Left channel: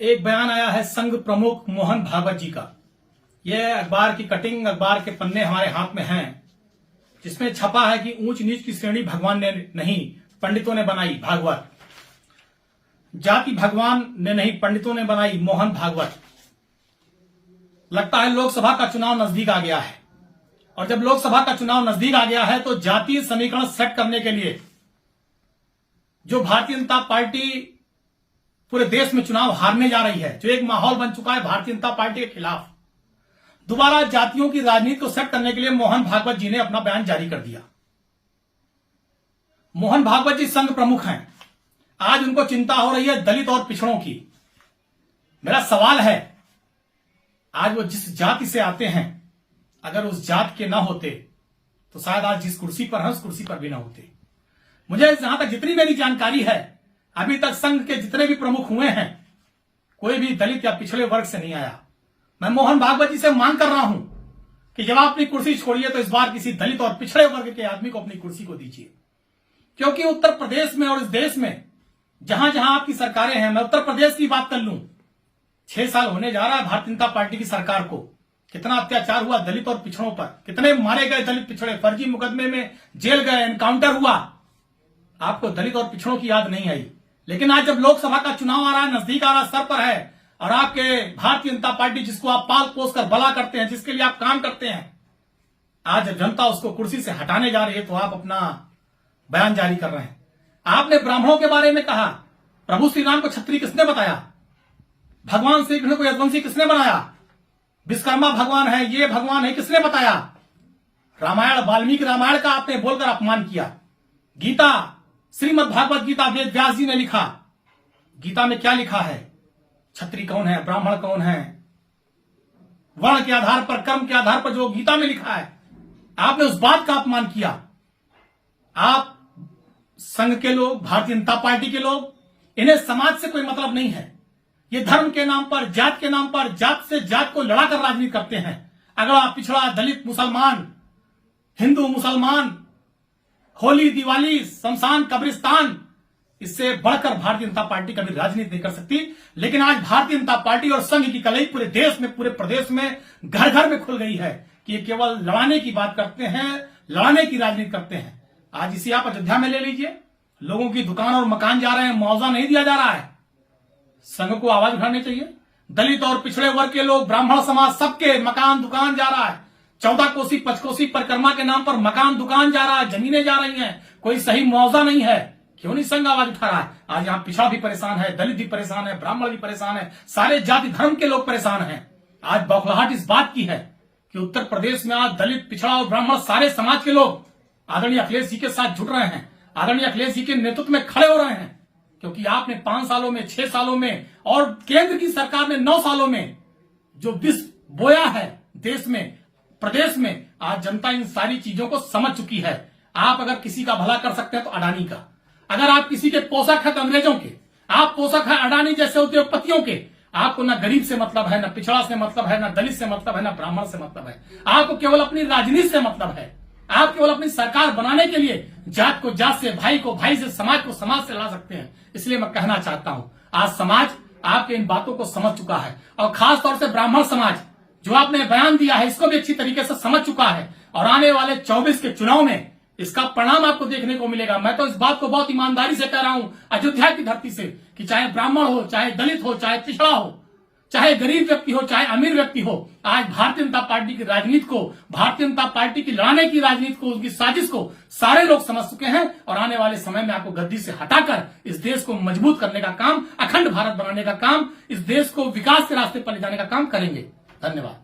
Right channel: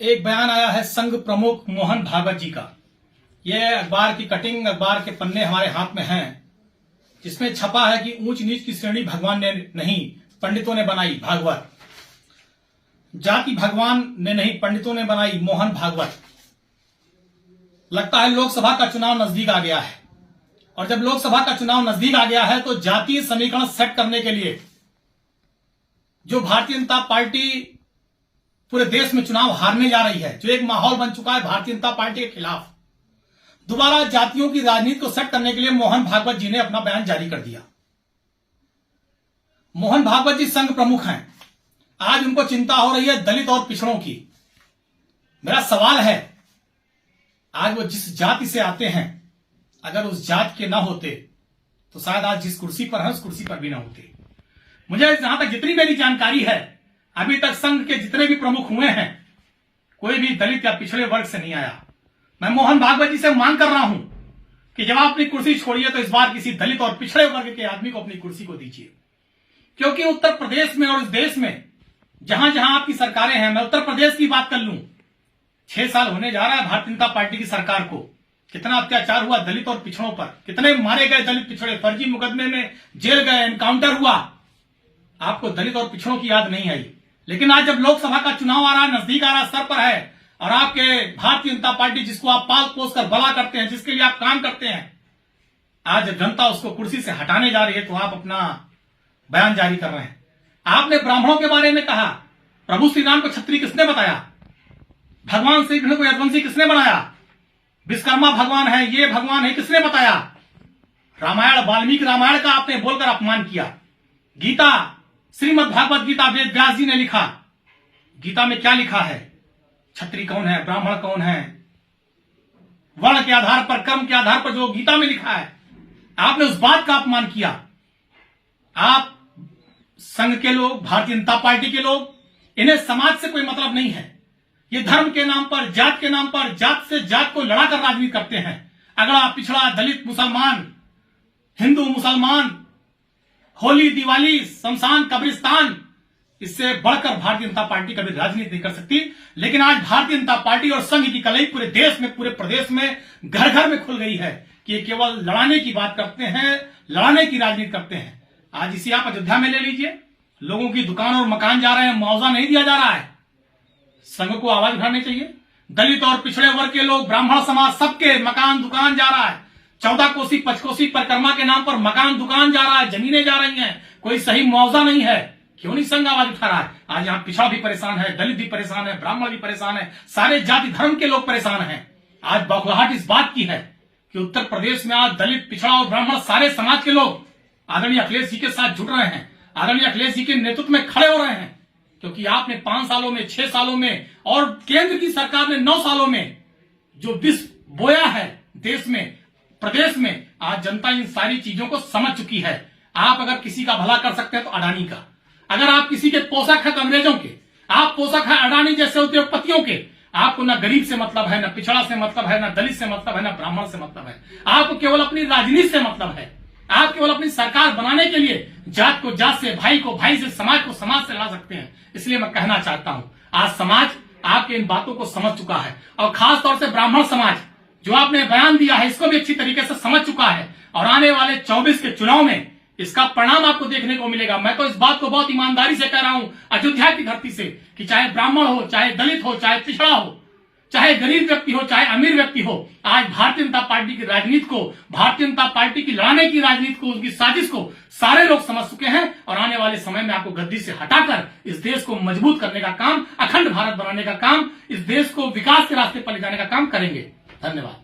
एक बयान आया है संघ प्रमुख मोहन भागवत जी का। यह अखबार की कटिंग, अखबार के पन्ने हमारे हाथ में हैं, जिसमें छपा है कि ऊंच नीच की श्रेणी भगवान ने नहीं पंडितों ने बनाई। भागवत जाति भगवान ने नहीं पंडितों ने बनाई। मोहन भागवत। लगता है लोकसभा का चुनाव नजदीक आ गया है, और जब लोकसभा का चुनाव नजदीक आ गया है तो जातीय समीकरण सेट करने के लिए जो भारतीय जनता पार्टी पूरे देश में चुनाव हारने जा रही है, जो एक माहौल बन चुका है भारतीय जनता पार्टी के खिलाफ, दोबारा जातियों की राजनीति को सेट करने के लिए मोहन भागवत जी ने अपना बयान जारी कर दिया। मोहन भागवत जी संघ प्रमुख हैं। आज उनको चिंता हो रही है दलित और पिछड़ों की। मेरा सवाल है, आज वो जिस जाति से आते हैं, अगर उस जाति के ना होते तो शायद आज जिस कुर्सी पर है उस कुर्सी पर भी ना होते। मुझे जहां तक जितनी मेरी जानकारी है, अभी तक संघ के जितने भी प्रमुख हुए हैं, कोई भी दलित या पिछड़े वर्ग से नहीं आया। मैं मोहन भागवत जी से मांग कर रहा हूं कि जब आप अपनी कुर्सी छोड़िए तो इस बार किसी दलित और पिछड़े वर्ग के आदमी को अपनी कुर्सी को दीजिए, क्योंकि उत्तर प्रदेश में और इस देश में जहां जहां आपकी सरकारें हैं, मैं उत्तर प्रदेश की बात कर लूं, 6 साल होने जा रहा है भारतीय जनता पार्टी की सरकार को। कितना अत्याचार हुआ दलित और पिछड़ों पर, कितने मारे गए दलित पिछड़े, फर्जी मुकदमे में जेल गए, एनकाउंटर हुआ। आपको दलित और पिछड़ों की याद नहीं आई। लेकिन आज जब लोकसभा का चुनाव आ रहा है, नजदीक आ रहा है, सर पर है, और आपके भारतीय जनता पार्टी जिसको आप पाल पोस कर भला करते हैं, जिसके लिए आप काम करते हैं, आज जब जनता उसको कुर्सी से हटाने जा रही है तो आप अपना बयान जारी कर रहे हैं। आपने ब्राह्मणों के बारे में कहा, प्रभु श्री राम को क्षत्रिय किसने बताया? भगवान श्री कृष्ण को यदुवंशी किसने बनाया? विश्वकर्मा भगवान है, ये भगवान है, किसने बताया? रामायण, वाल्मीकि रामायण का आपने बोलकर अपमान किया। गीता, श्रीमद् भागवत गीता वेद व्यास जी ने लिखा। गीता में क्या लिखा है? क्षत्रिय कौन है, ब्राह्मण कौन है, वर्ण के आधार पर, कर्म के आधार पर जो गीता में लिखा है, आपने उस बात का अपमान किया। आप संघ के लोग, भारतीय जनता पार्टी के लोग, इन्हें समाज से कोई मतलब नहीं है। ये धर्म के नाम पर, जात के नाम पर, जात से जात को लड़ाकर राजनीति करते हैं। अगड़ा पिछड़ा, दलित मुसलमान, हिंदू मुसलमान, होली दिवाली, शमशान कब्रिस्तान, इससे बढ़कर भारतीय जनता पार्टी कभी राजनीति नहीं कर सकती। लेकिन आज भारतीय जनता पार्टी और संघ की कलई पूरे देश में, पूरे प्रदेश में, घर घर में खुल गई है कि ये केवल लड़ाने की बात करते हैं, लड़ाने की राजनीति करते हैं। आज इसी आप अयोध्या में ले लीजिए, लोगों की दुकान और मकान जा रहे हैं, मुआवजा नहीं दिया जा रहा है। संघ को आवाज उठानी चाहिए। दलित और पिछड़े वर्ग के लोग, ब्राह्मण समाज, सबके मकान दुकान जा रहा है। 14 कोसी पंचकोसी परिक्रमा के नाम पर मकान दुकान जा रहा है, जमीनें जा रही हैं, कोई सही मुआवजा नहीं है। क्यों नहीं संघ आवाज उठा रहा है? आज यहाँ पिछड़ा भी परेशान है, दलित भी परेशान है, ब्राह्मण भी परेशान है, सारे जाति धर्म के लोग परेशान हैं। आज बौखलाहट इस बात की है कि उत्तर प्रदेश में आज दलित, पिछड़ा और ब्राह्मण, सारे समाज के लोग आदरणीय अखिलेश जी के साथ जुड़ रहे हैं, आदरणीय अखिलेश जी के नेतृत्व में खड़े हो रहे हैं। क्योंकि आपने 5 सालों में, 6 सालों में, और केंद्र की सरकार ने 9 सालों में जो विष बोया है देश में, प्रदेश में, आज जनता इन सारी चीजों को समझ चुकी है। आप अगर किसी का भला कर सकते हैं तो अडानी का, अगर आप किसी के पोषक हैं तो अंग्रेजों के, आप पोषक हैं अडानी जैसे उद्योगपतियों के। आपको न गरीब से मतलब है, न पिछड़ा से मतलब है, न दलित से मतलब है, न ब्राह्मण से मतलब है। आपको केवल अपनी राजनीति से मतलब है। आप केवल अपनी सरकार बनाने के लिए जात को जात से, भाई को भाई से, समाज को समाज से लड़ा सकते हैं। इसलिए मैं कहना चाहता हूं, आज समाज आपके इन बातों को समझ चुका है, और खास तौर से ब्राह्मण समाज जो आपने बयान दिया है, इसको भी अच्छी तरीके से समझ चुका है। और आने वाले 24 के चुनाव में इसका परिणाम आपको देखने को मिलेगा। मैं तो इस बात को बहुत ईमानदारी से कह रहा हूं, अयोध्या की धरती से, कि चाहे ब्राह्मण हो, चाहे दलित हो, चाहे पिछड़ा हो, चाहे गरीब व्यक्ति हो, चाहे अमीर व्यक्ति हो, आज भारतीय जनता पार्टी की राजनीति को, भारतीय जनता पार्टी की लड़ाने की राजनीति को, उनकी साजिश को सारे लोग समझ चुके हैं। और आने वाले समय में आपको गद्दी से हटाकर इस देश को मजबूत करने का काम, अखंड भारत बनाने का काम, इस देश को विकास के रास्ते पर ले जाने का काम करेंगे। धन्यवाद।